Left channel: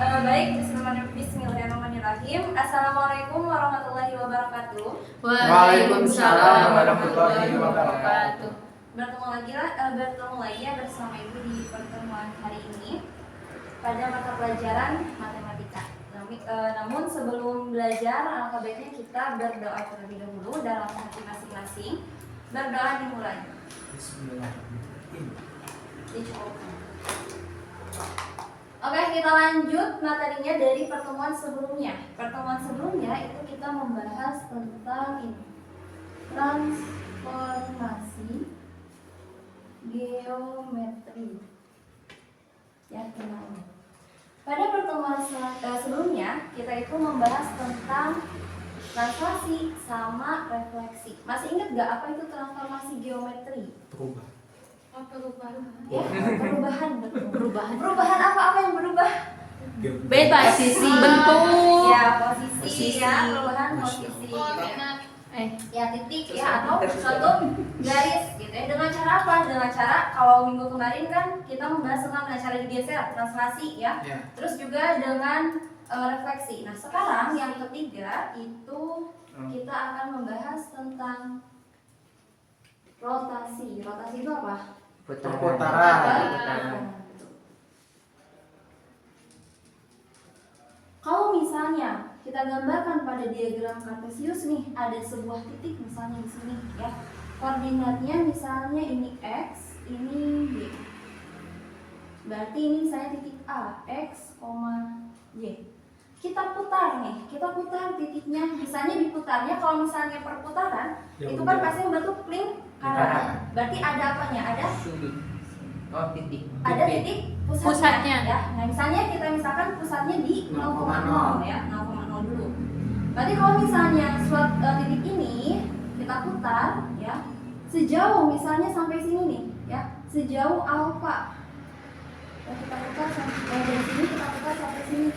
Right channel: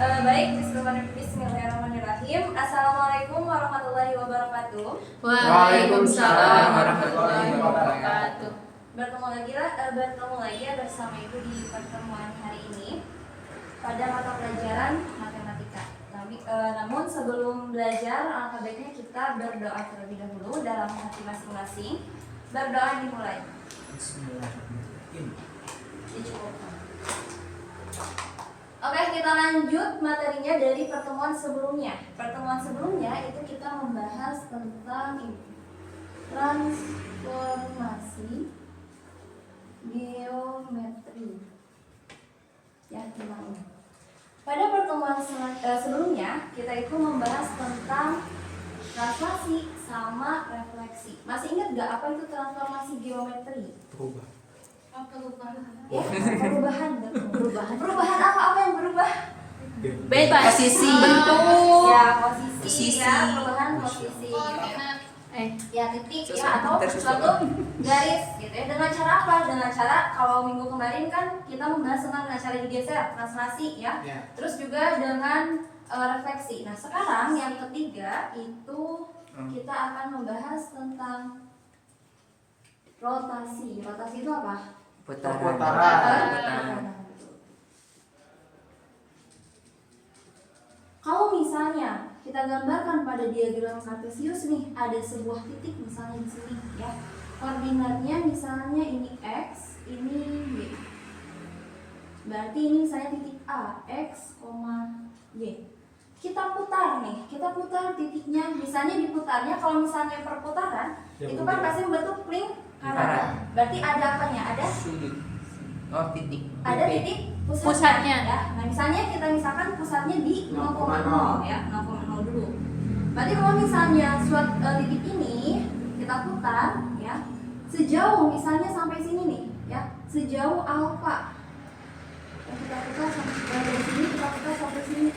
Baik, bismillahirrahmanirrahim. Assalamualaikum warahmatullahi wabarakatuh. Waalaikumsalam warahmatullahi wabarakatuh. Bertemu lagi ya bersama Ibu di pertemuan hari ini pada mata pelajaran matematika. Namun sebelum belajar, alangkah baiknya kita berdoa terlebih dahulu dalam hati masing-masing. Berdoa dimulai. Bismillahirrahmanirrahim. Dicukupkan. Oke, kita lanjut materinya dari pertemuan sebelumnya. Pertemuan sebelumnya itu kita membahas tentang ini, transformasi geometri. Ya, kenal. Pada pertemuan sebelumnya kita itu membahas tentang translasi sama refleksi. Masih ingat gak apa itu transformasi geometri? Perubahan, betul. Perubahan apa yang berubah? Beda sisi bentuk. Ya, posisi. Ya, perubahan posisi. Ya, titik ya, atau suatu garis gitu ya. Dengan cara apa? Dengan cara kalau minggu kemarin kan kita membahas tentang cara digeser, translasi ya. Terus juga dengan refleksi. Nah, sekarang yang ketiga itu kita akan membahas tentang rotasi. Rotasi itu apa? Perputaran. Kalau misalnya kita gambarkan pada diagram kartesius nih, ada sebuah titik misalnya di sini ya. Koordinatnya misalnya ini x, ini y. Berarti ini saya titik A, x, y. Kita putar nih, kita putar titiknya. Misalnya diputarnya, kalau misalnya perputaran itu kan pasti membentuk lingkaran. Berarti ada apanya? Ada Sudut. Titik. ada titik pusatnya. Ya. Nah, misalnya kita misalkan pusatnya di 0,0 ya, 0,0 dulu. Berarti kalau misalnya suatu titik ini kita putar ya, sejauh misalnya sampai sini nih ya, sejauh alfa. Ya, kita putar sampai dari sini, kita putar sampai sini.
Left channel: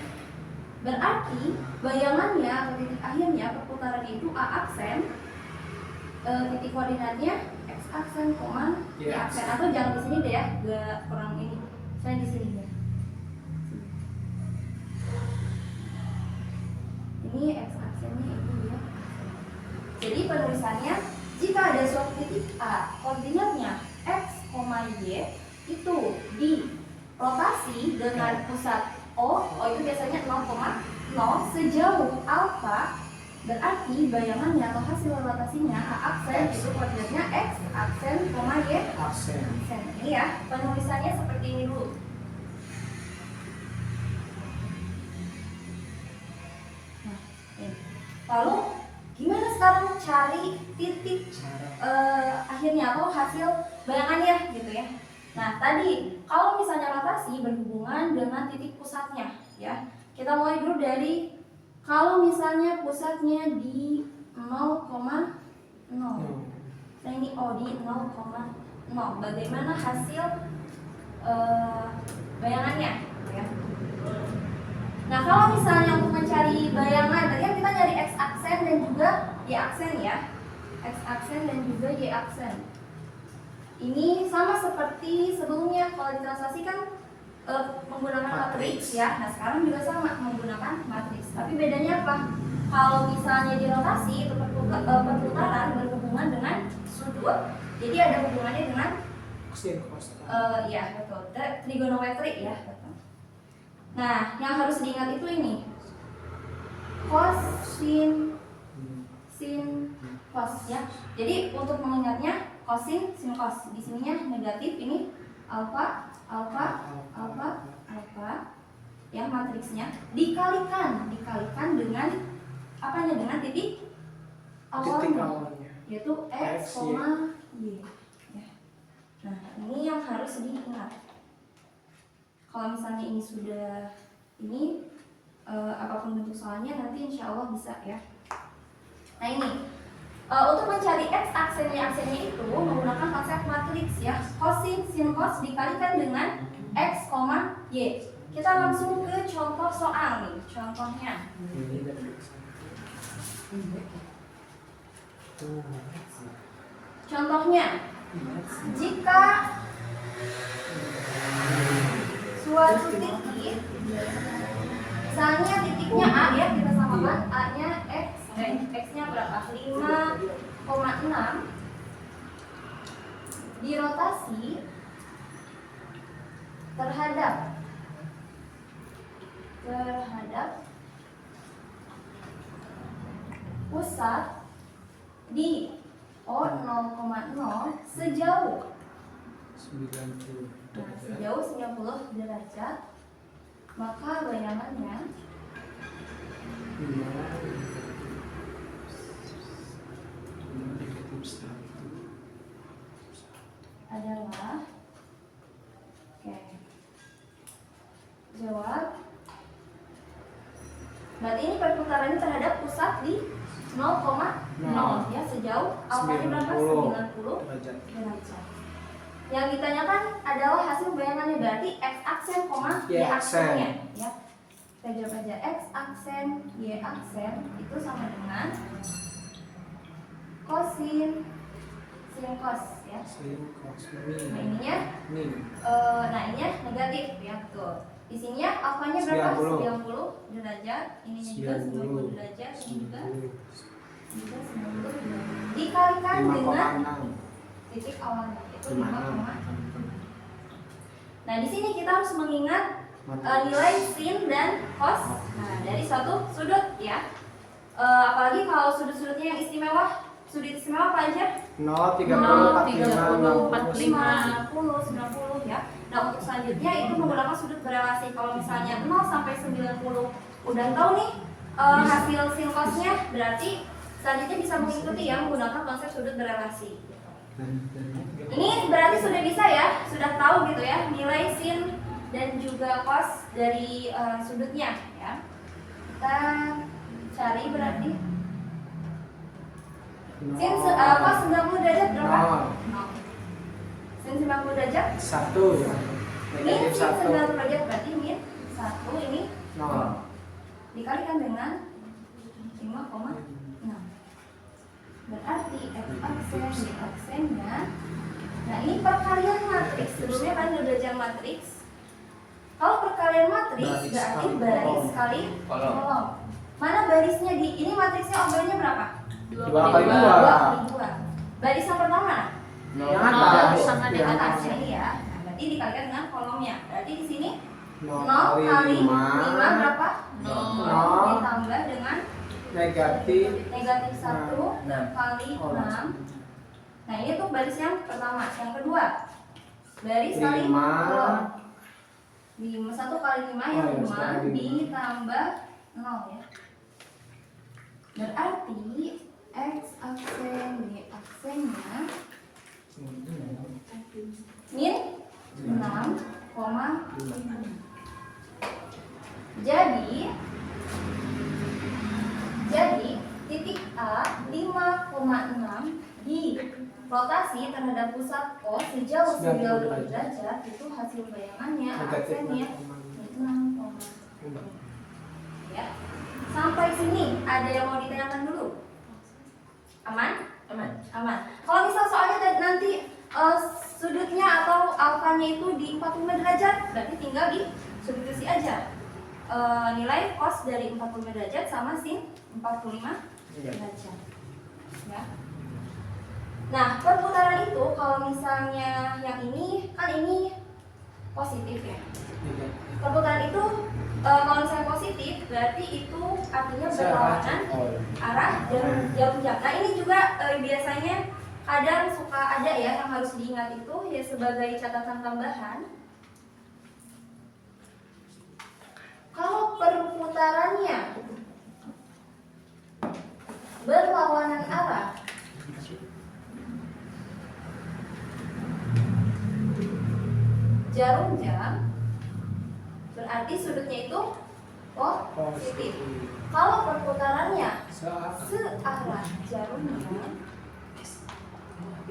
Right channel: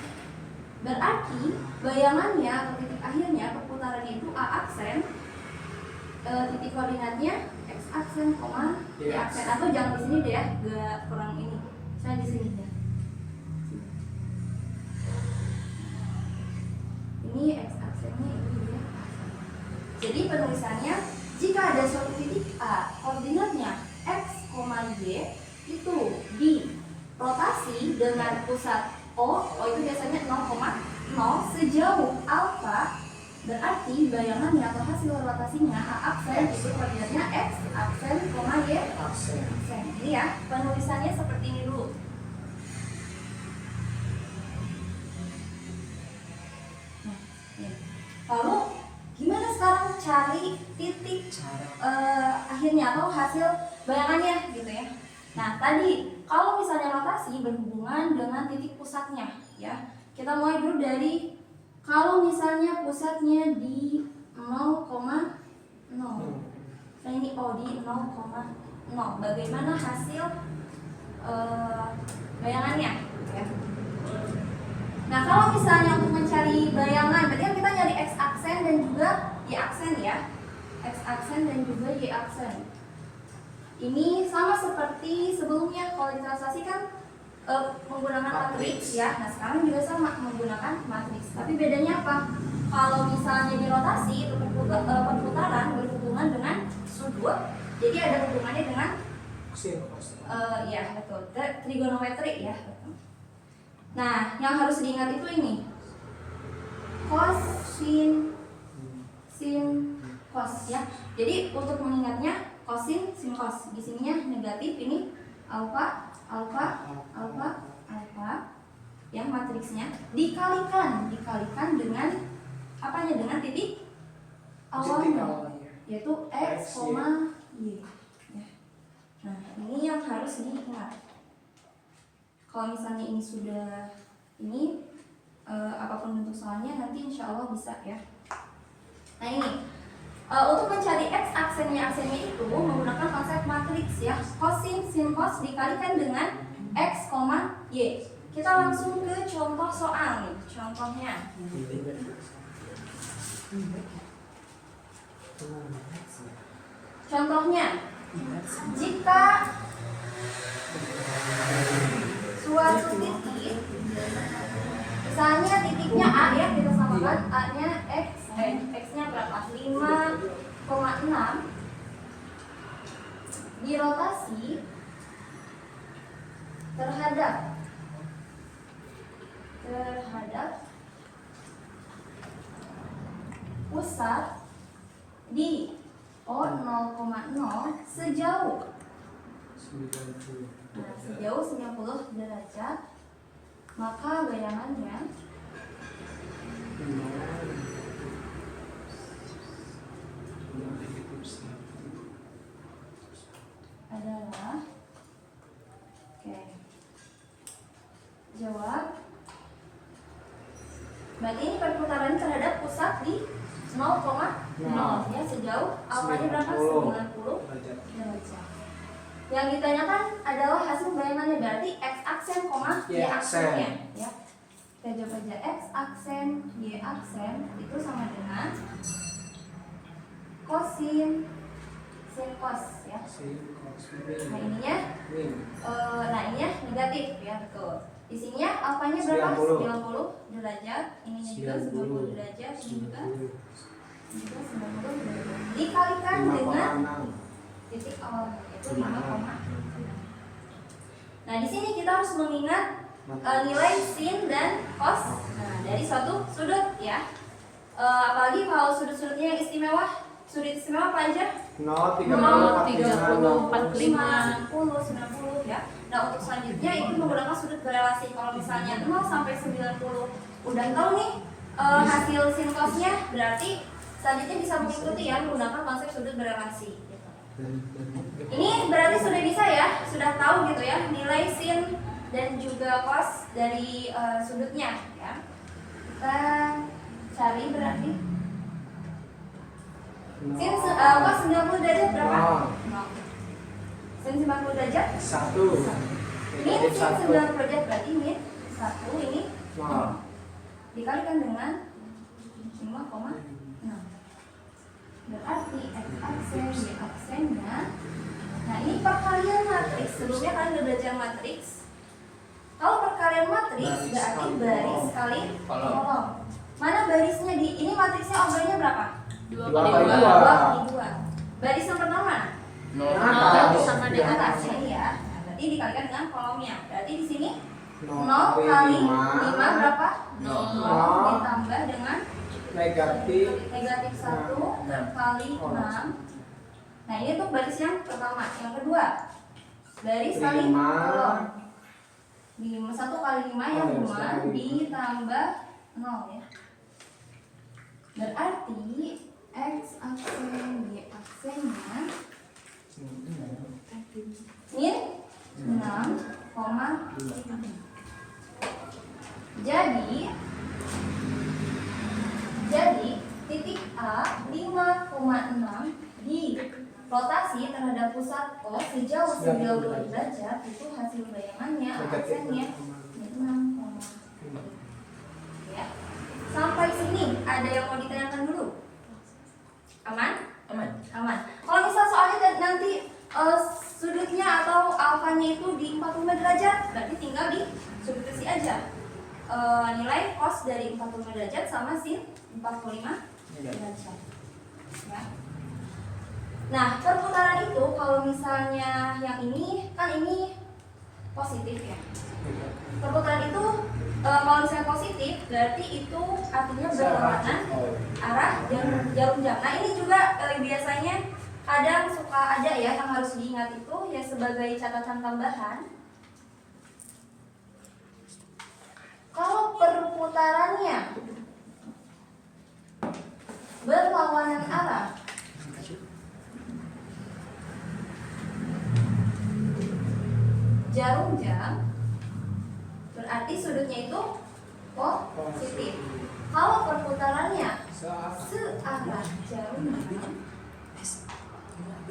Berarti bayangannya atau titik akhirnya perputaran itu A aksen, titik koordinatnya x aksen, y aksen, atau jangan di sini deh ya, gak kurang ini. Saya di sini ya. Ini x aksennya, ini ya aksen. Jadi penulisannya jika ada suatu titik A koordinatnya x, y itu dirotasi dengan pusat O itu biasanya 0,0 sejauh alfa, berarti bayangannya atau hasil rotasinya A aksen itu koordinatnya x aksen, y aksen. Ini ya, penulisannya seperti ini dulu. Nah, ini. Lalu gimana sekarang cari titik akhirnya atau hasil bayangannya gitu ya. Nah, tadi kalau misalnya rotasi berhubungan dengan titik pusatnya ya. Kita mulai dulu dari kalau misalnya pusatnya di 0,0. Nah, ini di 0,0. Bagaimana hasil bayangannya ya. Nah, kalau misalnya untuk mencari bayangan, berarti kan kita nyari x aksen dan juga y aksen ya. X aksen dan juga y aksen. Ini sama seperti sebelumnya, kalau ditranslasi kan menggunakan matriks ya. Nah, sekarang juga sama menggunakan matriks. Tapi bedanya apa? Kalau misalnya di rotasi itu perputaran berhubungan dengan sudut. Jadi ada hubungannya dengan ya betul, trigonometri ya. Betul. Nah, yang harus diingat itu ini cos, sin, cos ya. Jadi untuk mengingatnya cosin, sin, cos. Di sininya negatif, ini alfa ya, matriksnya dikalikan dengan apanya? Dengan titik awalnya, yaitu x, y. Nah, ini yang harus diingat. Kalau misalnya ini sudah ini apapun bentuk soalnya nanti insya Allah bisa ya. Nah, ini untuk mencari x aksennya itu menggunakan konsep matriks ya. Cosin, sin, cos dikalikan dengan x, y. Kita langsung ke contoh soal nih. Contohnya. Contohnya, jika suatu titik Sedangkan A-nya X-nya berapa? 5,6 dirotasi terhadap pusat di 0,0 sejauh 90. Nah, sejauh 90 derajat, maka bayangannya adalah jawab. Berarti ini perputaran terhadap pusat di 0,0 ya, sejauh alfanya berapa? 90 derajat. Yang ditanyakan adalah hasil bayangannya, berarti X aksen, Y aksennya ya. Kita jawab aja X aksen, Y aksen itu sama dengan kosin cos ya. Nah ininya negatif ya, betul. Di sininya alfanya berapa? 90 derajat, ininya juga 90 derajat, ini juga 90 derajat. Dikalikan dengan titik awalnya yaitu 5, nah di sini kita harus mengingat nilai sin dan cos. Nah dari suatu sudut ya. Apalagi kalau sudut-sudutnya yang istimewa. Sudut istimewa apa aja? 0, 30, 45, 90 ya. Nah untuk selanjutnya itu menggunakan sudut berelasi. Kalau misalnya 0 sampai 90 udah tahu nih hasil sin cosnya, berarti selanjutnya bisa mengikuti ya menggunakan konsep sudut berelasi. Ini berarti sudah bisa ya, sudah tahu gitu ya nilai sin dan juga cos dari sudutnya ya. Kita cari berarti sin cos 90 derajat berapa? 0. Sin 90 derajat 1. min sin 90 derajat berarti min 1, ini 0. Dikalikan dengan 5,6. Berarti X aksen, Y aksennya. Nah ini perkalian matriks. Sebelumnya kalian udah belajar matriks. Kalau perkalian matriks berarti baris kali kolom. Mana barisnya di ini matriksnya ombrenya berapa? 2 kali 2. Baris yang pertama 0 sama dengan atasnya ya. Nah, berarti dikalikan dengan kolomnya. Berarti di sini 0 kali 5 berapa? 0 ditambah dengan negatif 1 kali 6. Nah ini tuh baris yang pertama. Yang kedua baris kali kolom. 1 kali 5 yang 5 ditambah 0 ya. Berarti X aksen, Y aksennya min 6,5. Jadi titik A 5,6 di rotasi terhadap pusat O sejauh 90 derajat itu hasil bayangannya aksennya 6,5 ya. Sampai sini ada yang mau ditanyakan dulu? Aman? Aman. Kalau misal soalnya nanti sudutnya atau alfanya itu di 45 derajat, berarti tinggal di substitusi aja nilai cos dari 45 derajat sama sin 45 derajat ya. Nah perputaran itu kalau misalnya yang ini kan ini positif ya. Perputaran itu kalau misalnya positif berarti itu artinya berlawanan arah dan jarum jam. Nah ini juga biasanya kadang suka ada ya yang harus diingat itu ya sebagai catatan tambahan. Kalau perputarannya berlawanan arah jarum jam berarti sudutnya itu positif. Kalau perputarannya searah jarum jam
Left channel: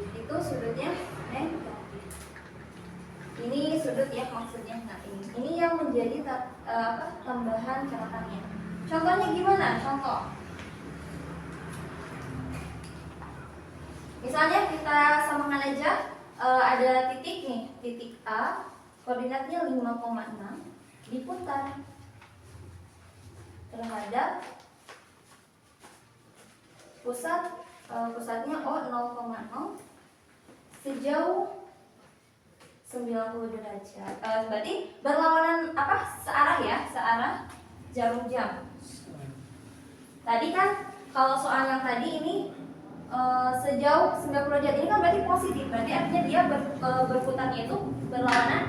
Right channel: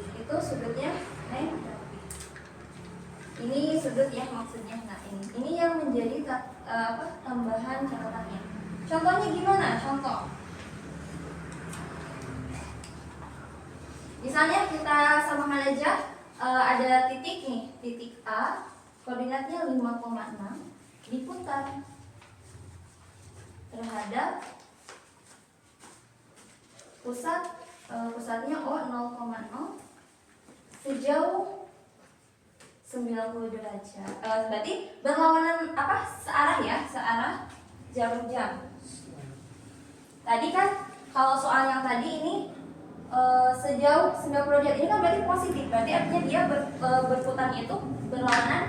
itu sudutnya negatif. Ini sudut ya maksudnya. Nah ini yang menjadi tambahan catatannya. Contohnya gimana? Contoh. Misalnya kita samakan aja ada titik nih, titik A, koordinatnya 5,6 diputar terhadap pusatnya O 0,0 sejauh 90 derajat. Berarti berlawanan apa? Searah ya, searah jarum jam. Tadi kan kalau soal yang tadi ini sejauh 90 derajat ini kan berarti positif. Berarti artinya dia berputarnya itu berlawanan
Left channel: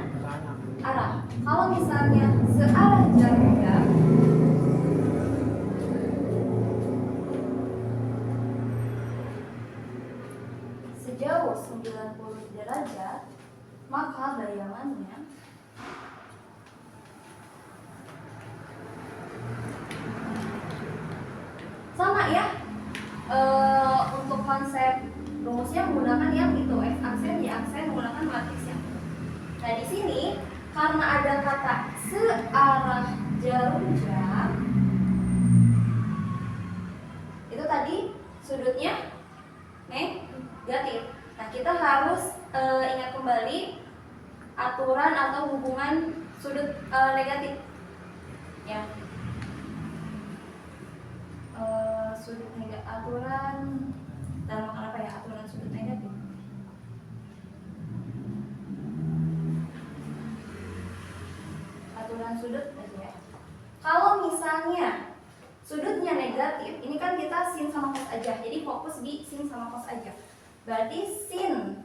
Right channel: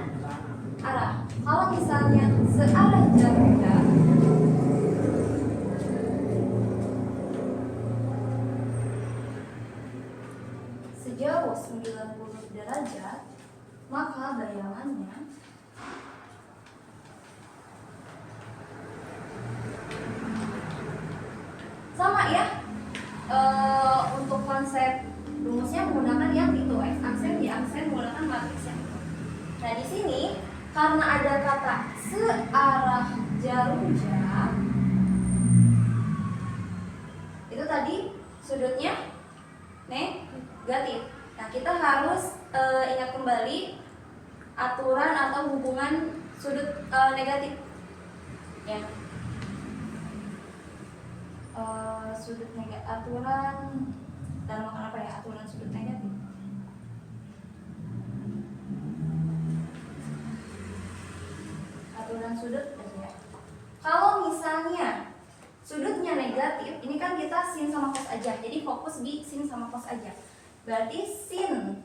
arah. Kalau misalnya searah jarum jam sejauh 90 derajat, maka bayangannya sama ya. Untuk konsep rumusnya menggunakan yang itu x aksen, y aksen, menggunakan matriks ya. Nah di sini karena ada kata searah jarum jam, itu tadi sudutnya negatif. Nah kita harus ingat kembali aturan atau hubungan sudut negatif ya. Sudut negatif, aturan dalam apa ya, aturan sudut negatif. Aturan sudut aja ya. Kalau misalnya sudutnya negatif, ini kan kita sin sama cos aja, jadi fokus di sin sama cos aja. Berarti sin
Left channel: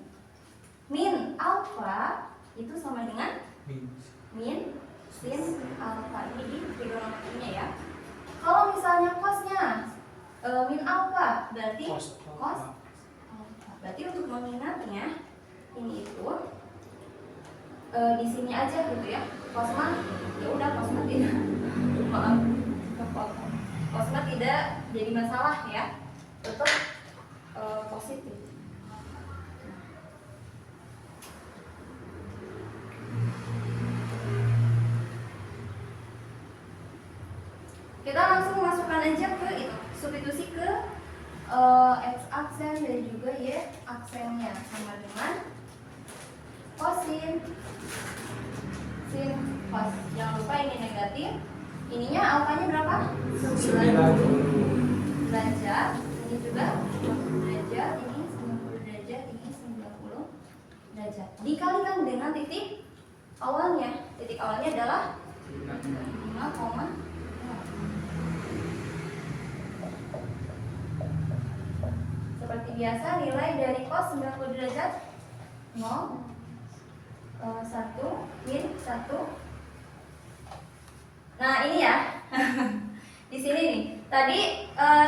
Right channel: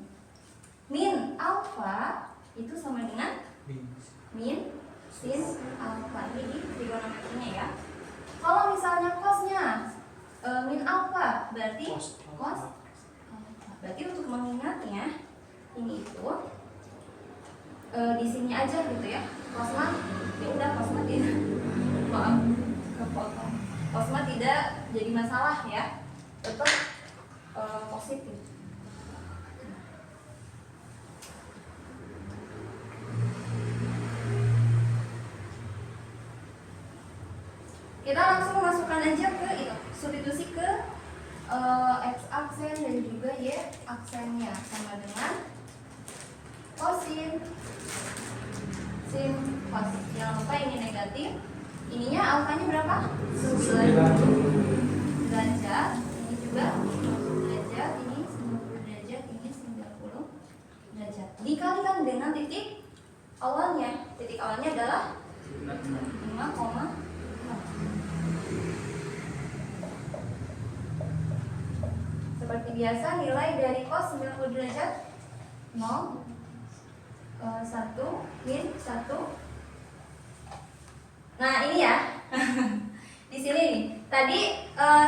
min alfa itu sama dengan min sin alfa. Ini di trigonometrinya ya. Kalau misalnya cosnya min alfa, berarti cos alfa. Berarti untuk mengingatnya ini itu di sini aja gitu ya. Cosma ya udah, cosma tidak maaf, cosma tidak jadi masalah ya, tetap positif. Kita langsung masukkan aja ke itu, substitusi ke x aksen dan juga y aksennya sama dengan kosin sin cos. Jangan lupa ini negatif. Ininya alfanya berapa? 90 derajat. Ini juga 90 derajat, ini 90 derajat, ini 90 derajat. Dikalikan dengan titik awalnya. Titik awalnya adalah 5,0. Seperti biasa nilai dari cos 90 derajat 0, 1, min 1. Nah ini ya. Di sini nih. Tadi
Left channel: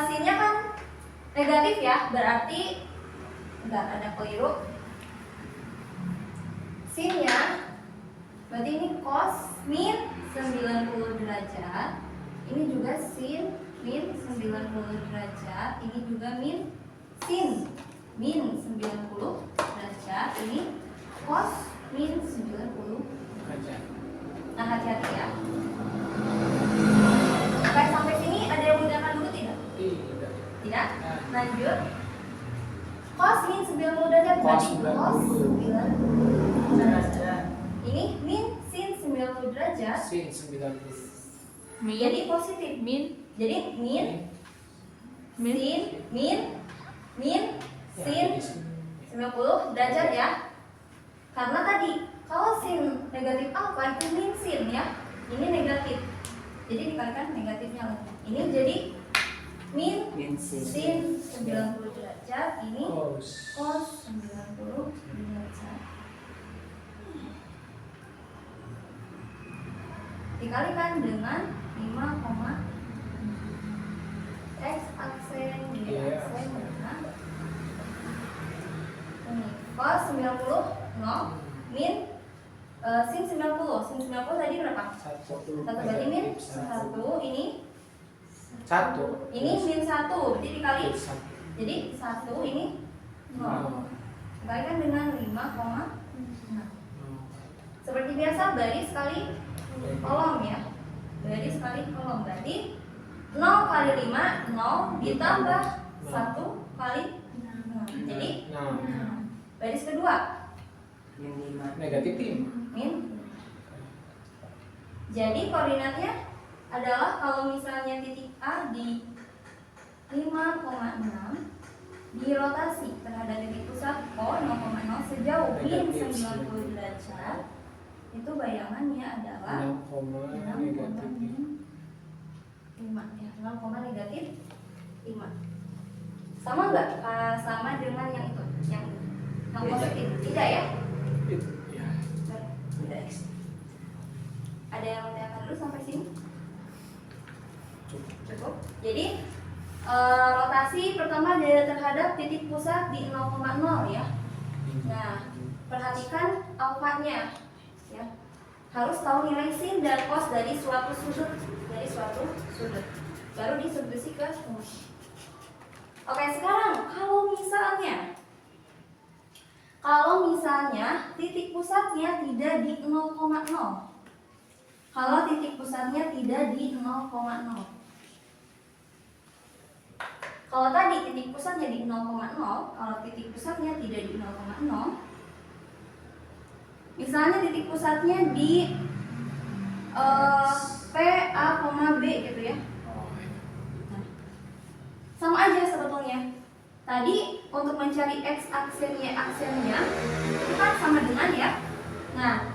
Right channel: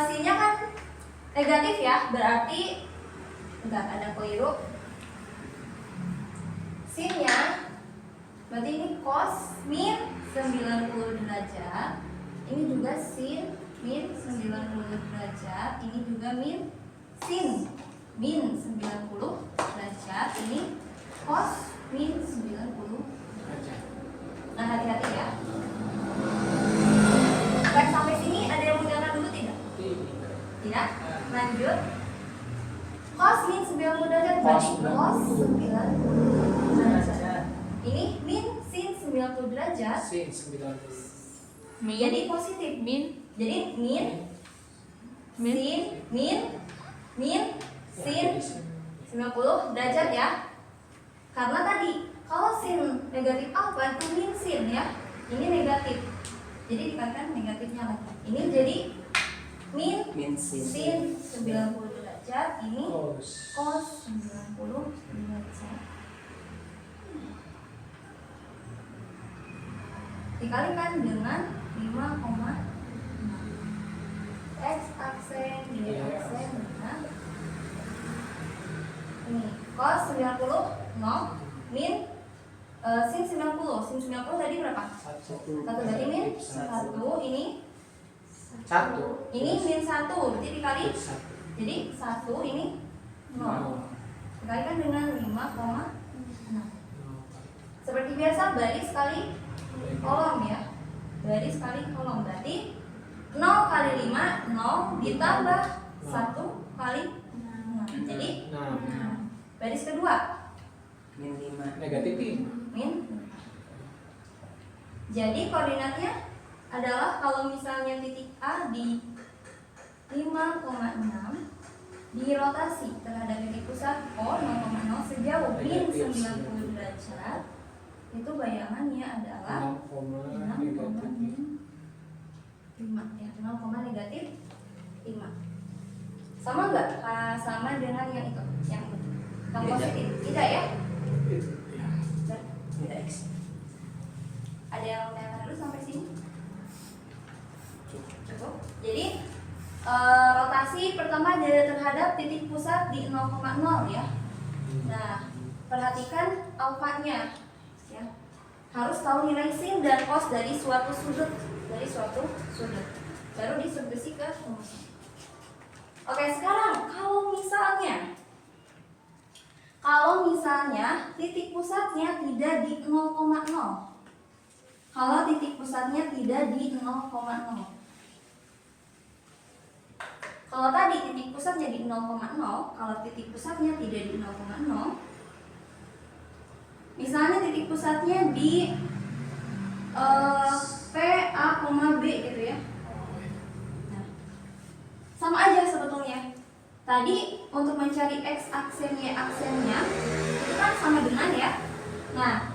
sinnya kan negatif ya, berarti bentar ada keliru. Sinnya berarti ini cos min 90 derajat. Ini juga sin min 90 derajat. Ini juga min sin min 90 derajat. Ini cos min 90 derajat. Nah hati-hati ya. Baik, sampai sini ada yang mengerjakan dulu tidak? Tidak? Lanjut. Cos min 90 derajat berarti cos 90 derajat. Ini min sin 90 derajat. Sin 90. Jadi positif. Min Jadi min sin min sin 90 derajat ya. Karena tadi kalau sin negatif alfa itu min sin ya. Ini negatif. Jadi dikalikan negatifnya lagi. Ini jadi min sin 90 derajat. Ini cos 90 derajat. Dikalikan dengan 5, x aksen, y aksen dengan ini cos 90 0 min sin 90. Sin 90 tadi berapa? 1 berarti min 1. Ini 1. Ini min 1 berarti dikali. Jadi 1 ini 0. Dikalikan dengan 5,6. Seperti biasa baris kali kolom ya. Baris kali kolom berarti 0 kali 5 0 ditambah 1 kali 6. Jadi baris kedua min 5 negatif min. Jadi koordinatnya adalah kalau misalnya titik A di 5,6 dirotasi terhadap titik pusat O 0,0 sejauh min 90 derajat, itu bayangannya adalah 6, negatif 5 ya, 0, negatif 5. Sama nggak? Sama dengan yang itu, yang Beda. positif? Tidak ya? itu ya. Tidak X. Ada yang menanyakan dulu sampai sini? Cukup. Jadi rotasi pertama dari terhadap titik pusat di 0,0 ya. Nah, perhatikan alfanya ya. Harus tahu nilai sin dan cos dari suatu sudut, baru disubstitusi ke rumus. Oke, sekarang kalau misalnya titik pusatnya tidak di 0,0. Kalau titik pusatnya tidak di 0,0. Kalau tadi titik pusatnya di 0,0, kalau titik pusatnya tidak di 0,0, misalnya titik pusatnya di P, A, B gitu ya. Nah, sama aja sebetulnya. Tadi untuk mencari X aksennya itu kan sama dengan ya. Nah,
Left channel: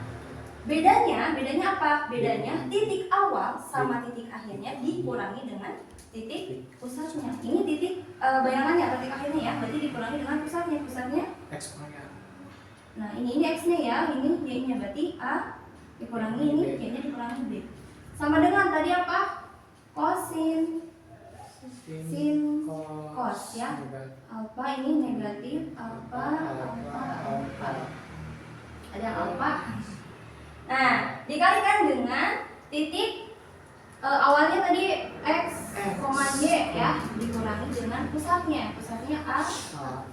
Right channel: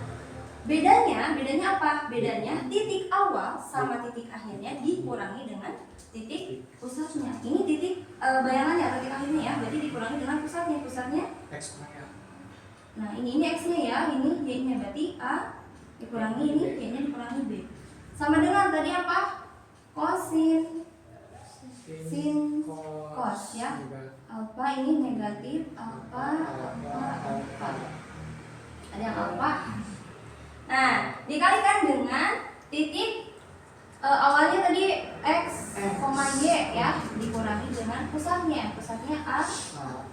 bedanya apa? Bedanya titik awal sama titik akhirnya dikurangi dengan titik pusatnya. Ini titik bayangannya titik akhirnya ya. Berarti dikurangi dengan pusatnya. X kurang ya. Nah, ini X-nya ya, ini Y-nya, berarti A dikurangi ini, Y-nya dikurangi B. Sama dengan tadi apa? Kosin, sin, cos ya. Alfa ini negatif, alfa. Ada yang alfa. Nah, dikalikan dengan titik awalnya tadi X, Y ya, dikurangi dengan pusatnya A.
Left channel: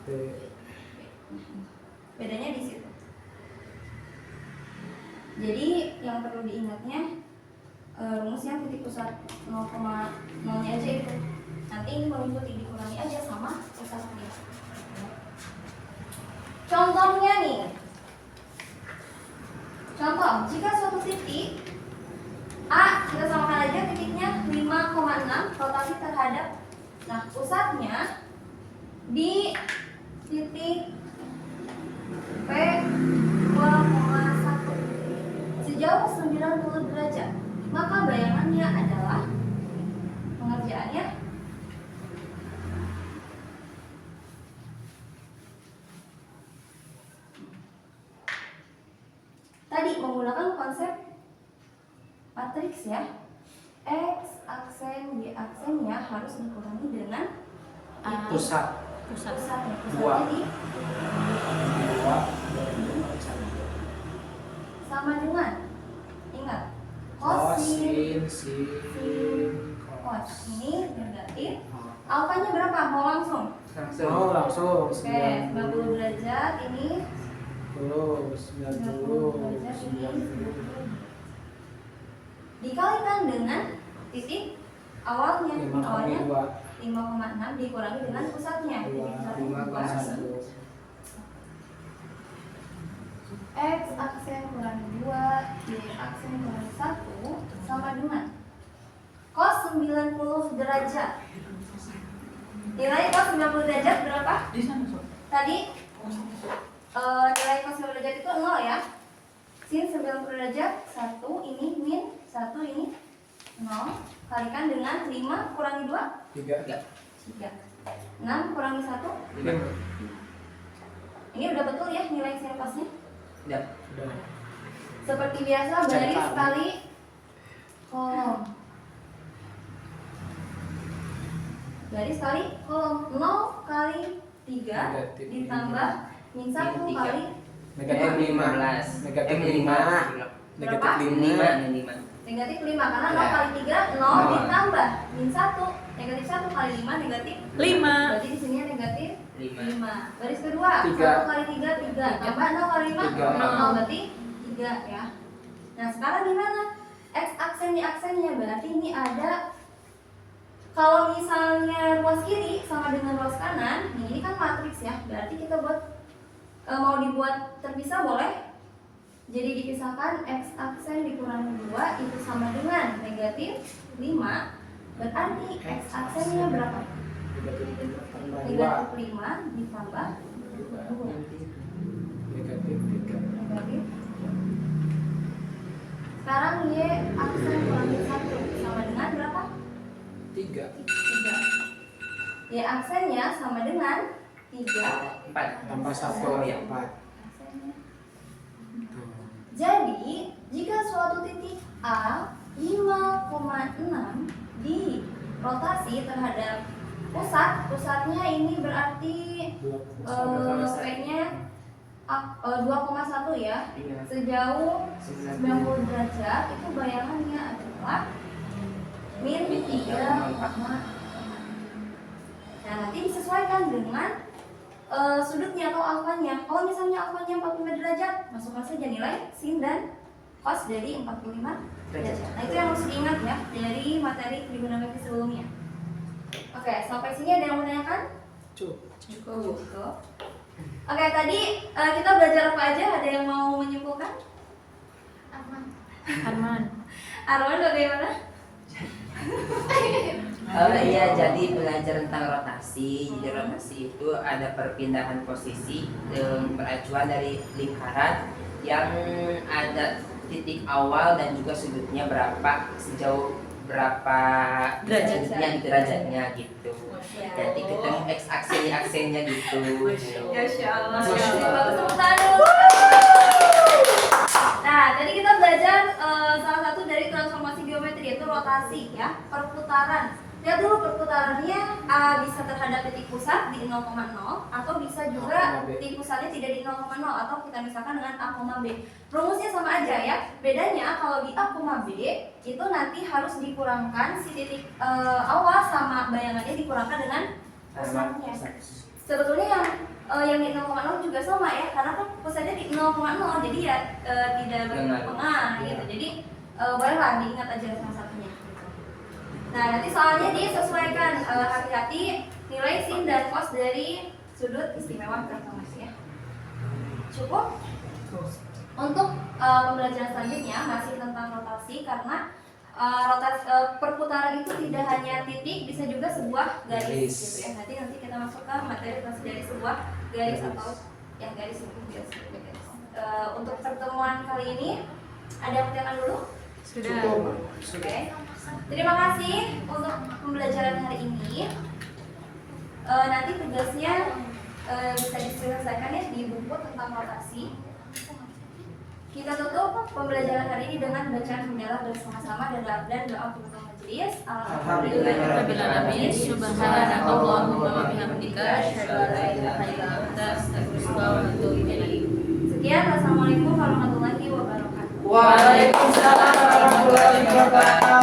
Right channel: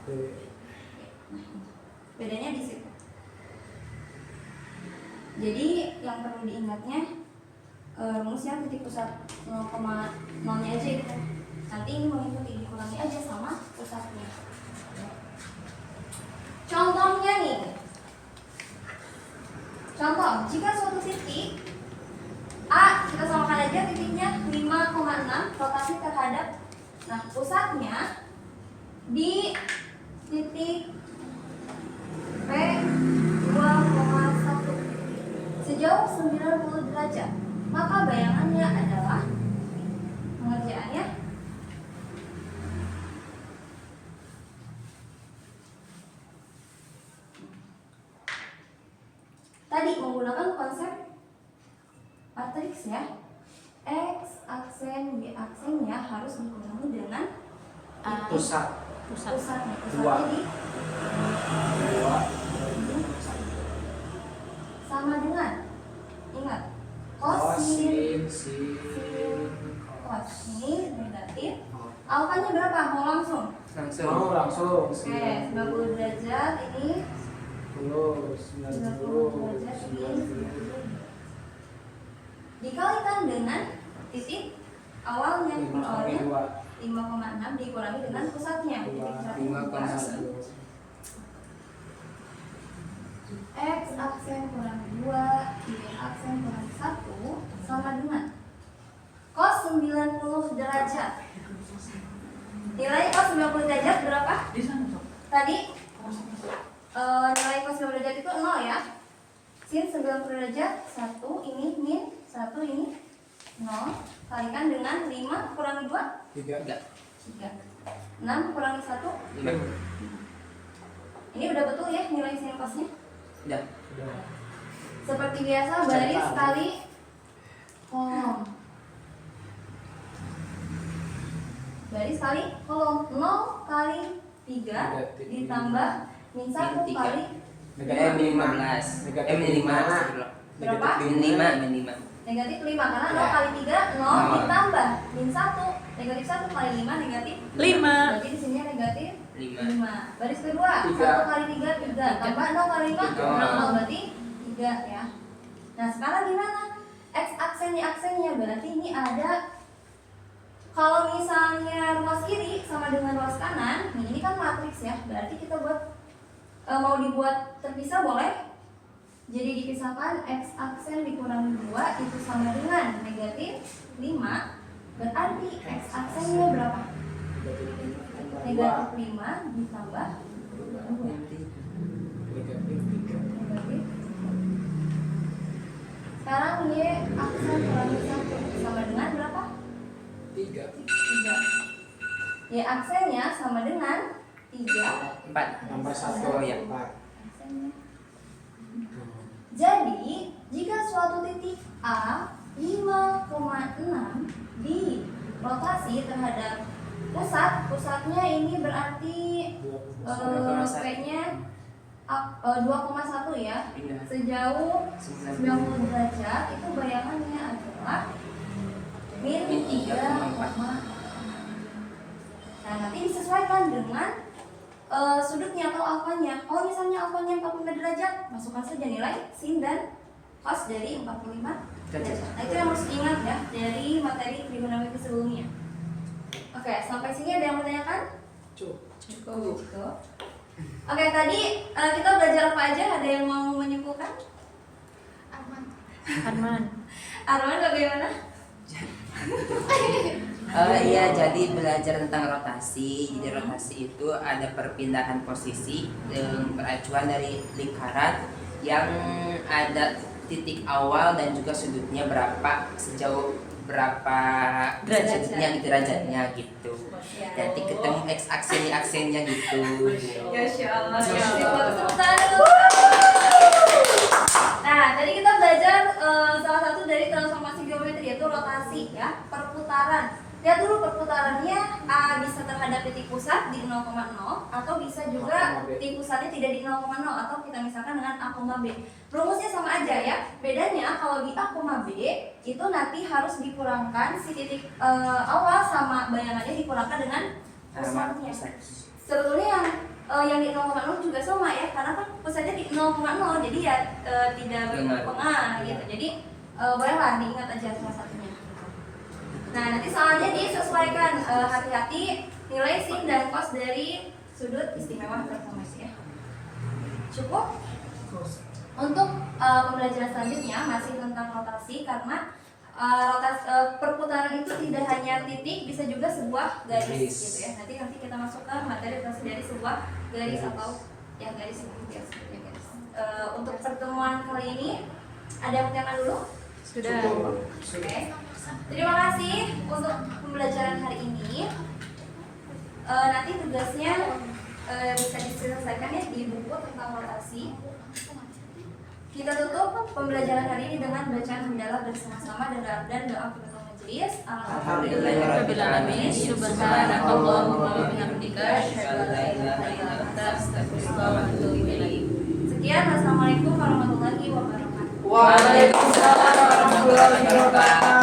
B. Bedanya di situ. Jadi yang perlu diingatnya rumusnya titik pusat 0,0-nya aja itu. Nanti ini mengikuti dikurangi aja sama pusatnya. Contohnya nih. Contoh, jika suatu titik A, kita samakan aja titiknya 5,6 rotasi terhadap, nah pusatnya di titik P 2,1 sejauh 90 derajat, maka bayangannya adalah pengerjaannya tadi menggunakan konsep matriks ya. X aksen Y aksennya harus dikurangi dengan pusatnya. Dua. Pusatnya di sama dengan, ingat, kosin, sin, cos. Ini negatif. Alfanya berapa? Mau langsung? Langsung. Oke, 90 derajat ini 90 derajat ini 90. Dikalikan dengan titik awalnya. Awalnya 5,6 dikurangi dengan pusatnya. Titik pusatnya 2. X aksen kurang 2, Y aksen kurang 1 sama dengan cos 90 derajat. Nilai cos 90 derajat berapa? Tadi nilai cos 90 derajat itu 0 ya. Sin 90 derajat 1, ini min 1, ini 0. Kalikan dengan 5 kurangi 2 3. 6 kurangi 1 Ini udah betul ya nilai sin cosnya? Udah. Seperti biasa baris kali kolom. Baris kali kolom 0 kali 3 ditambah min 1 Min 3. kali Min 15. Min 5. berapa? Min 5. Negatif 5 karena 0 Ya. kali 3 0 ditambah min 1 negatif 1 kali 5 negatif 5. Berarti di sini negatif 5. Baris kedua 1 kali 3 3 tambah 0 kali 5 0 berarti 3 ya. Nah sekarang gimana? X aksen Y aksennya berarti ini ada, kalau misalnya ruas kiri sama dengan ruas kanan, ini kan matriks ya, berarti kita buat mau dibuat terpisah boleh. Jadi dipisahkan X aksen dikurangi 2 itu sama dengan negatif 5. Berarti X aksennya berapa? 5. Negatif 5 ditambah 2. Negatif 3. Negatif. Sekarang Y aksen kurangi 1 sama dengan berapa? 3. 3. Y aksennya sama dengan 3. 4 Tambah 1. Oh ya. 4. Aksennya. Jadi, jika suatu titik A 5,6 dirotasi terhadap pusatnya ini berarti P-nya 2,1 ya. Sejauh 90 derajat itu bayangannya adalah min 3,4. Nah, nanti disesuaikan dengan sudutnya atau alfanya. Kalau misalnya alfanya 45 derajat, masukkan saja nilai sin dan cos dari 45 derajat. Nah, itu yang harus diingat ya dari materi trigonometri sebelumnya. Oke, sampai sini ada yang mau tanyakan? Cukup. Oke, tadi kita belajar apa aja? Ada yang mau menyimpulkan? Arman. Arman bagaimana? Iya, jadi belajar tentang rotasi. Jadi rotasi itu ada perpindahan posisi peracuan dari lingkaran yang ada titik awal dan juga sudutnya berapa, sejauh berapa sudutnya gitu, derajatnya gitu. Nanti ketemu x aksennya gitu. Masya Allah. Nah, tadi kita belajar salah satu dari transformasi geometri yaitu rotasi ya, perputaran. Lihat dulu perputarannya bisa terhadap titik pusat di 0,0 atau bisa juga titik pusatnya tidak di 0,0 atau kita misalkan dengan A, B. Rumusnya sama aja ya. Bedanya kalau di A, B itu nanti harus dikurangkan si titik awal sama bayangannya dikurangkan dengan pusatnya. Sebetulnya yang di 0,0 juga sama ya, karena kan pusatnya di 0,0 jadi ya tidak berpengaruh gitu. Jadi bolehlah diingat aja salah satunya. Nah, nanti soalnya disesuaikan, hati-hati nilai sin dan cos dari sudut istimewa transformasi ya. Cukup? Untuk pembelajaran selanjutnya masih tentang rotasi karena perputaran itu tidak hanya titik, bisa juga sebuah garis gitu ya. Nanti kita masuk ke materi rotasi dari sebuah garis atau yang garis garis. Untuk pertemuan kali ini ada yang bertanya dulu? Sudah. Oke. Terima kasih untuk pembelajaran hari ini. Nanti tugasnya bisa diselesaikan ya di buku tentang rotasi. Kita tutup pembelajaran hari ini dengan bacaan mendalam bersama-sama dan doa penutup majelis. Rabbil alamin. Subhanakallahumma wa bihamdika asyhadu an la ilaha illa anta astaghfiruka wa atubu ilaik. Sekian, wassalamualaikum warahmatullahi wabarakatuh. Waalaikumsalam warahmatullahi wabarakatuh.